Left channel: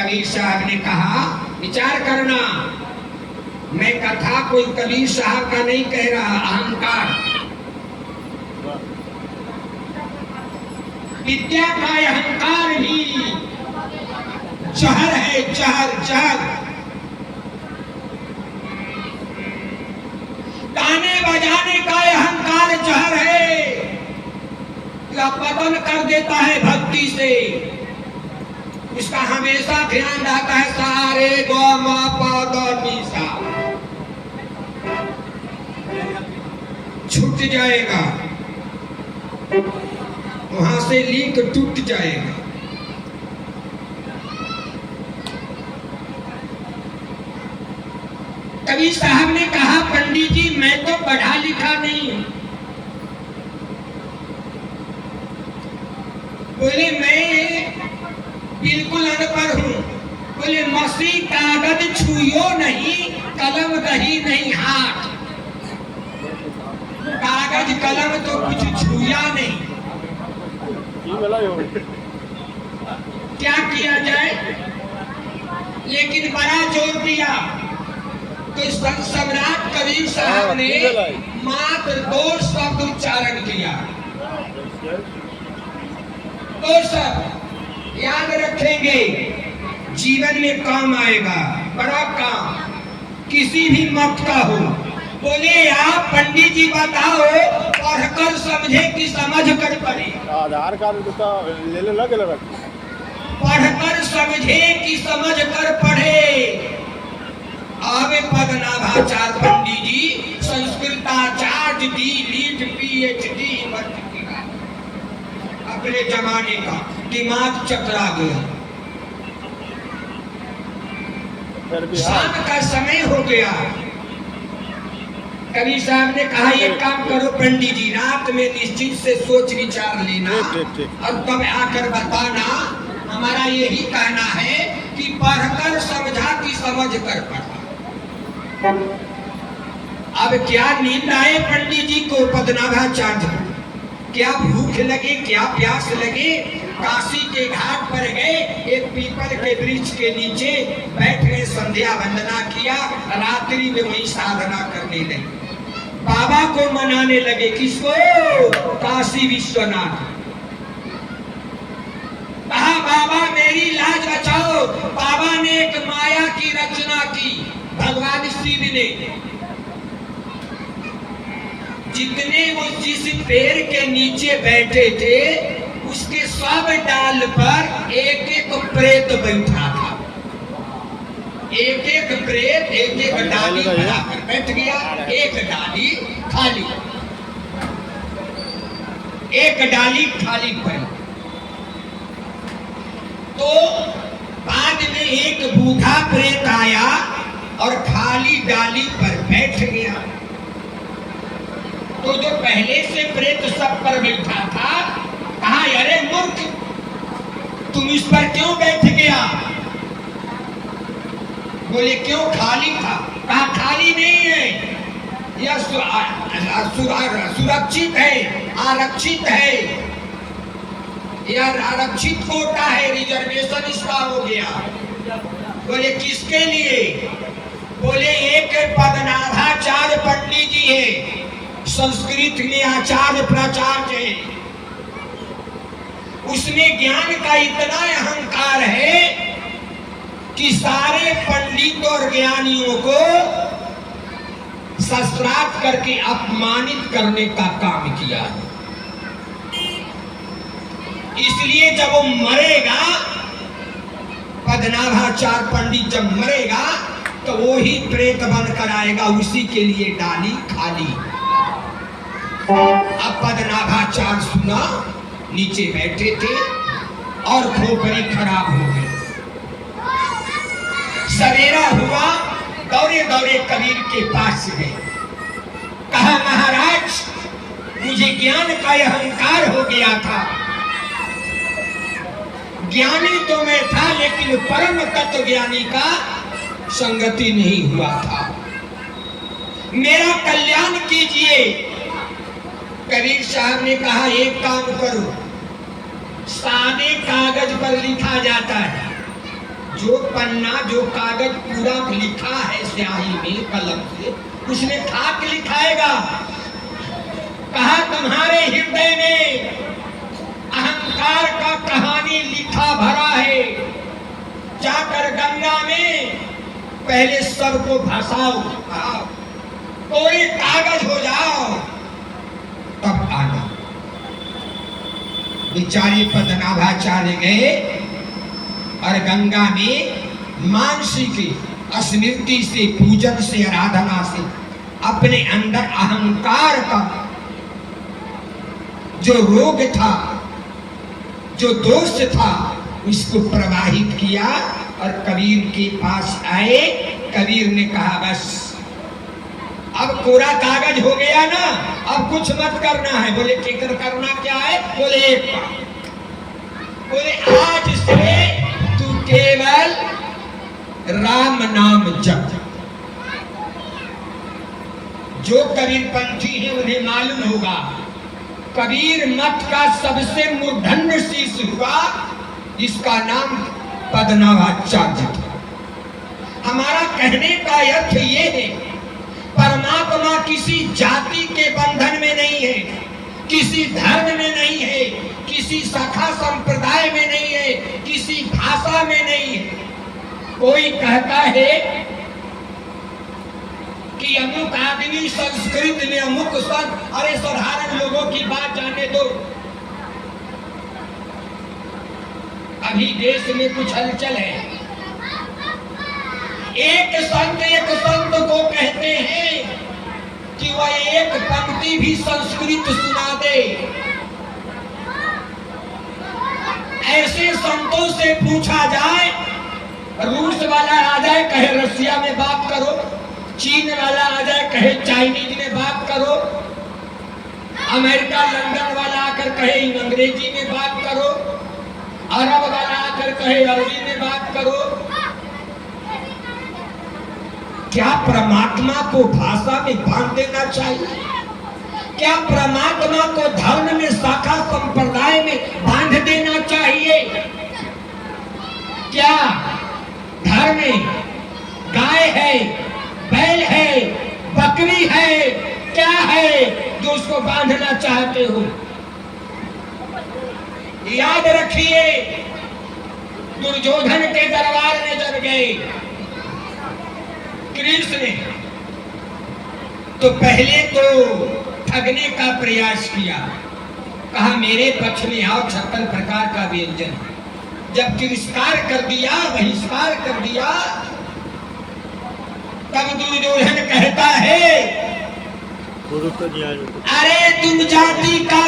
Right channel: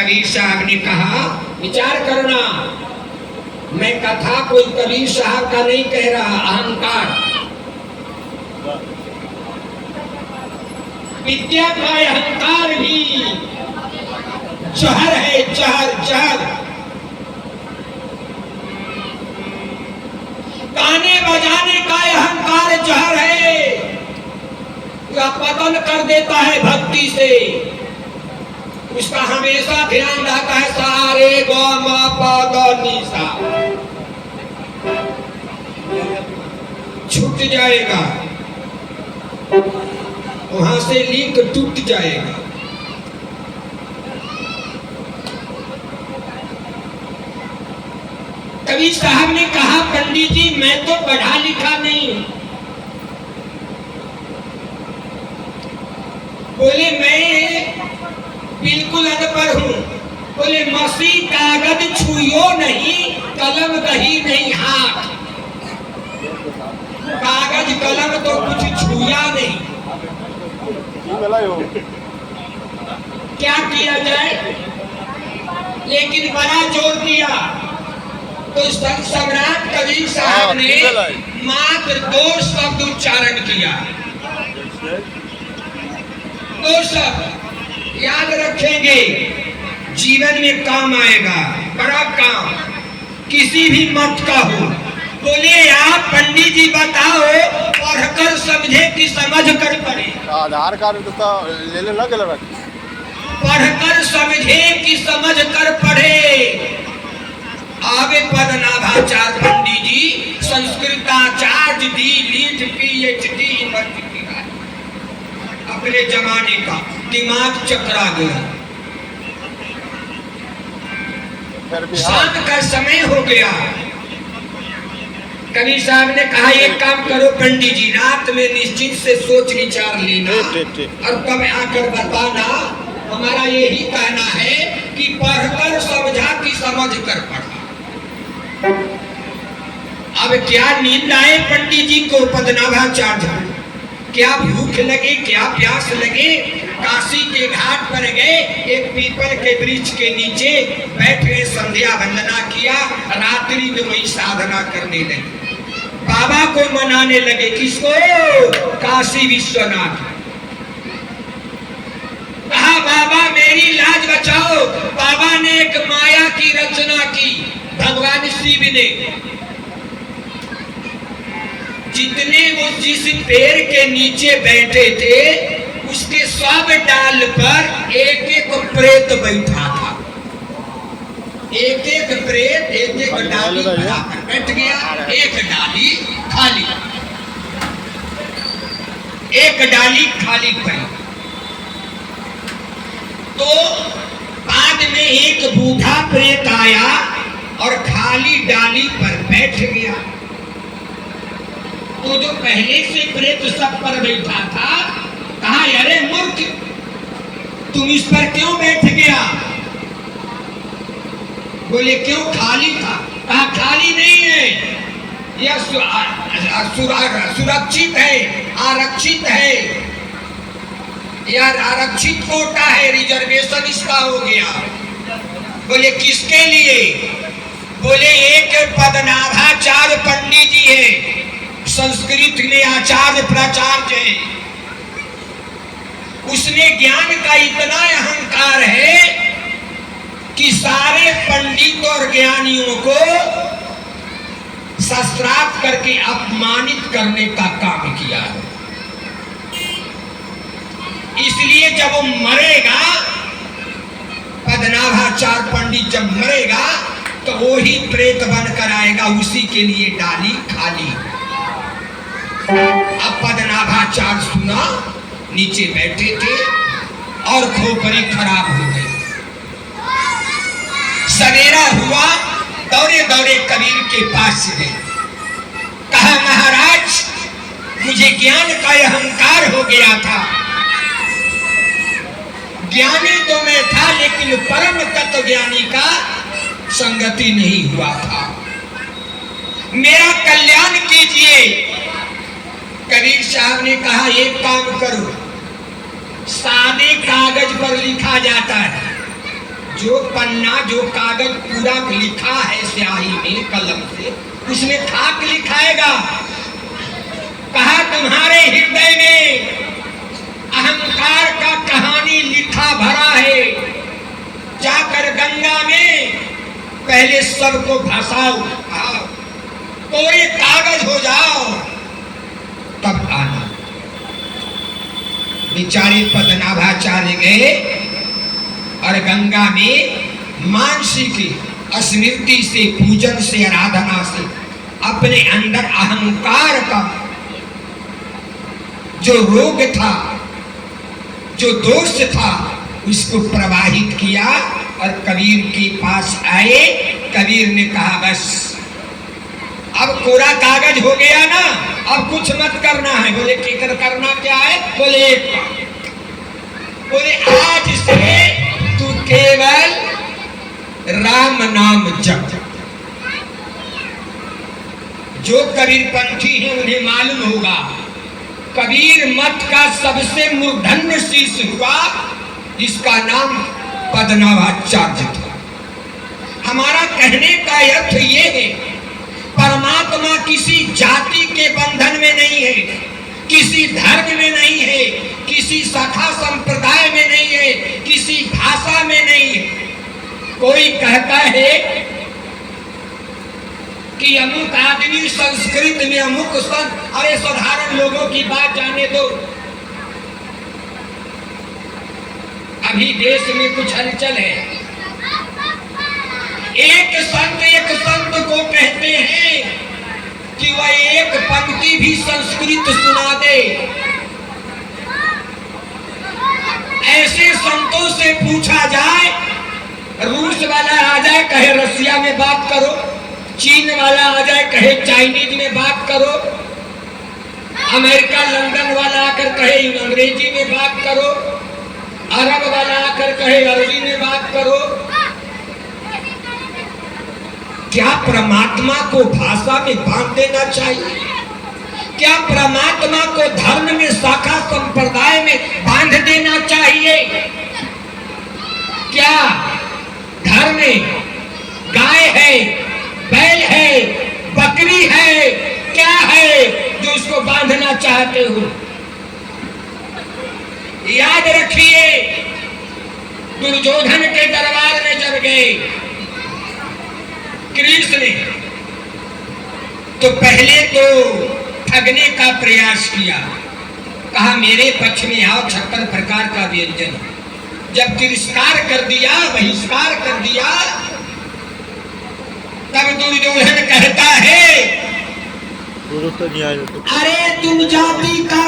कबीर साहब ने कहा, विचार करना, मैं कथा कोई कबीर साहब का नहीं कह रहा, अहंकार। विद्या का अहंकार भी जहर है, जहर जहर। गाने बजाने का अहंकार जहर है, जो पतन कर देता है भक्ति से। उसका हमेशा ध्यान रहता है सारे ग म प द नि सा, छूट जाएगा, वहां से लिंक टूट जाएगा। कबीर साहब ने कहा, पंडित जी मैं तो पढ़ा लिखा नहीं हूं। बोले मैं बिल्कुल अनपढ़ हूं। बोले मसी कागज छुइयो नहीं, कलम गही नहीं हाथ। कागज कलम तो कुछ छुया नहीं, क्या किया जाए। लेकिन बड़ा जोर दिया तो सम्राट कबीर साहब ने मात्र 2 शब्द उच्चारण किया। 2 शब्द याद रखेंगे, जीवन में काम आएगा, बड़ा काम, किसी भी मत का हो। बोले आप पंडित जी बताओ, पढ़कर समझे कि समझ कर पढ़े। आधार कार्ड ले ले लगे लगा, पढ़कर समझे कि समझ कर पढ़े। आवे पद्मनाभाचार्य पंडित जी संस्कृताचार्य दी लीट PhD यूनिवर्सिटी का। अपने जमाने का दिमाग चकरा गया। शाम का समय हो गया। कबीर साहब ने कहा, एक काम करो पंडित जी, रात में निश्चित से सोच विचार लेना और तब आकर बताना। हमारा यही कहना है कि पढ़कर समझा कि समझ कर पढ़ा। अब क्या नींद आए पंडित जी को, पद्मनाभाचार्य, क्या भूख लगे, क्या प्यास लगे। काशी के घाट पर गए, एक पीपल के वृक्ष के नीचे बैठ गए, संध्या वंदना किया, रात्रि में वही साधना करने लगे। बाबा को मनाने लगे, किसको, काशी विश्वनाथ। कहा बाबा मेरी लाज बचाओ। बाबा ने एक माया की रचना की, भगवान शिव ने। जितने वो जिस पेड़ के नीचे बैठे थे, उसके सब डाल पर एक एक प्रेत बैठा था। एक एक प्रेत एक एक डाली बनाकर बैठ गया, एक डाली खाली, एक डाली खाली पड़ी। तो बाद में एक बूढ़ा प्रेत आया और खाली डाली पर बैठ गया। तो जो पहले से प्रेत सब पर बैठा था, कहा अरे मूर्ख, तुम इस पर क्यों बैठ गया। बोले क्यों, खाली था। कहा खाली नहीं है, यह सुरक्षित है, आरक्षित है, यह आरक्षित कोटा है, रिजर्वेशन इसका हो गया। बोले किसके लिए। बोले एक पद्मनाभाचार्य पंडित जी है, संस्कृत में आचार्य प्राचार्य है। उसमें ज्ञान का इतना अहंकार है कि सारे पंडित और ज्ञानियों को शास्त्रार्थ करके अपमानित करने का काम किया है। इसलिए जब वो मरेगा, पद्मनाभाचार्य पंडित जब मरेगा तो वो ही प्रेत बनकर आएगा, उसी के लिए डाली खाली। अब पद्मनाभाचार्य सुना, नीचे बैठे थे और खोपड़ी खराब हो गई। सवेरा हुआ, दौड़े दौड़े कबीर के पास गए। कहा महाराज मुझे ज्ञान का अहंकार हो गया था। ज्ञानी तो मैं था, लेकिन परम तत्व ज्ञानी का संगति नहीं हुआ था। मेरा कल्याण कीजिए। कबीर साहब ने कहा एक काम करो, सादे कागज पर लिखा जाता है, जो पन्ना जो कागज पूरा लिखा है स्याही में कलम से, उसमें खाक लिखाएगा। कहा तुम्हारे हृदय में अहंकार का कहानी लिखा भरा है, जाकर गंगा में पहले सबको भसाओ, कोरे कागज हो जाओ, तब आना। बेचारे पद्मनाभाचार्य गए और गंगा में मानसिक स्मृति से, पूजन से, आराधना से अपने अंदर अहंकार का जो रोग था, जो दोष था, उसको प्रवाहित किया और कबीर के पास आए। कबीर ने कहा बस अब कोरा कागज हो गया ना, अब कुछ मत करना है। बोले केकर करना क्या है? बोले एक काम, बोले आज से तू केवल राम नाम जप। जो कबीरपंथी हैं उन्हें मालूम होगा, कबीर मत का सबसे मूर्धन्य शिष्य हुआ, इसका नाम पद्मनाभाचार्य था। हमारा कहने का अर्थ ये है, परमात्मा किसी जाति के बंधन में नहीं है, किसी धर्म में नहीं है, किसी शाखा संप्रदाय में नहीं है, किसी भाषा में नहीं है। कोई कहता है कि अमुक आदमी संस्कृत में अमुक संत, अरे साधारण लोगों की बात जाने दो। अभी देश में कुछ हलचल है, एक संत को कहते हैं कि वह एक पंक्ति भी संस्कृत सुना दे। ऐसे संतों से पूछा जाए, रूस वाला आ जाए कहे रसिया में बात करो, चीन वाला आ जाए कहे चाइनीज में बात करो, अमेरिका लंदन वाला आकर कहे अंग्रेजी में बात करो, अरब वाला आकर कहे अरबी में बात करो। क्या परमात्मा को भाषा में बांध देना चाहिए? क्या परमात्मा को धर्म में, शाखा संप्रदाय में बांध देना चाहिए? क्या धर्म में गाय है, बैल है, बकरी है, क्या है जो उसको बांधना चाहते हो? याद रखिए, दुर्योधन के दरबार में जब गए कृष्ण, तो पहले तो ठगने का प्रयास किया। कहा मेरे पक्ष में आओ, 56 प्रकार का व्यंजन। जब तिरस्कार कर दिया, बहिष्कार कर दिया, तब दुर्योधन कहता है, अरे तुम जाति का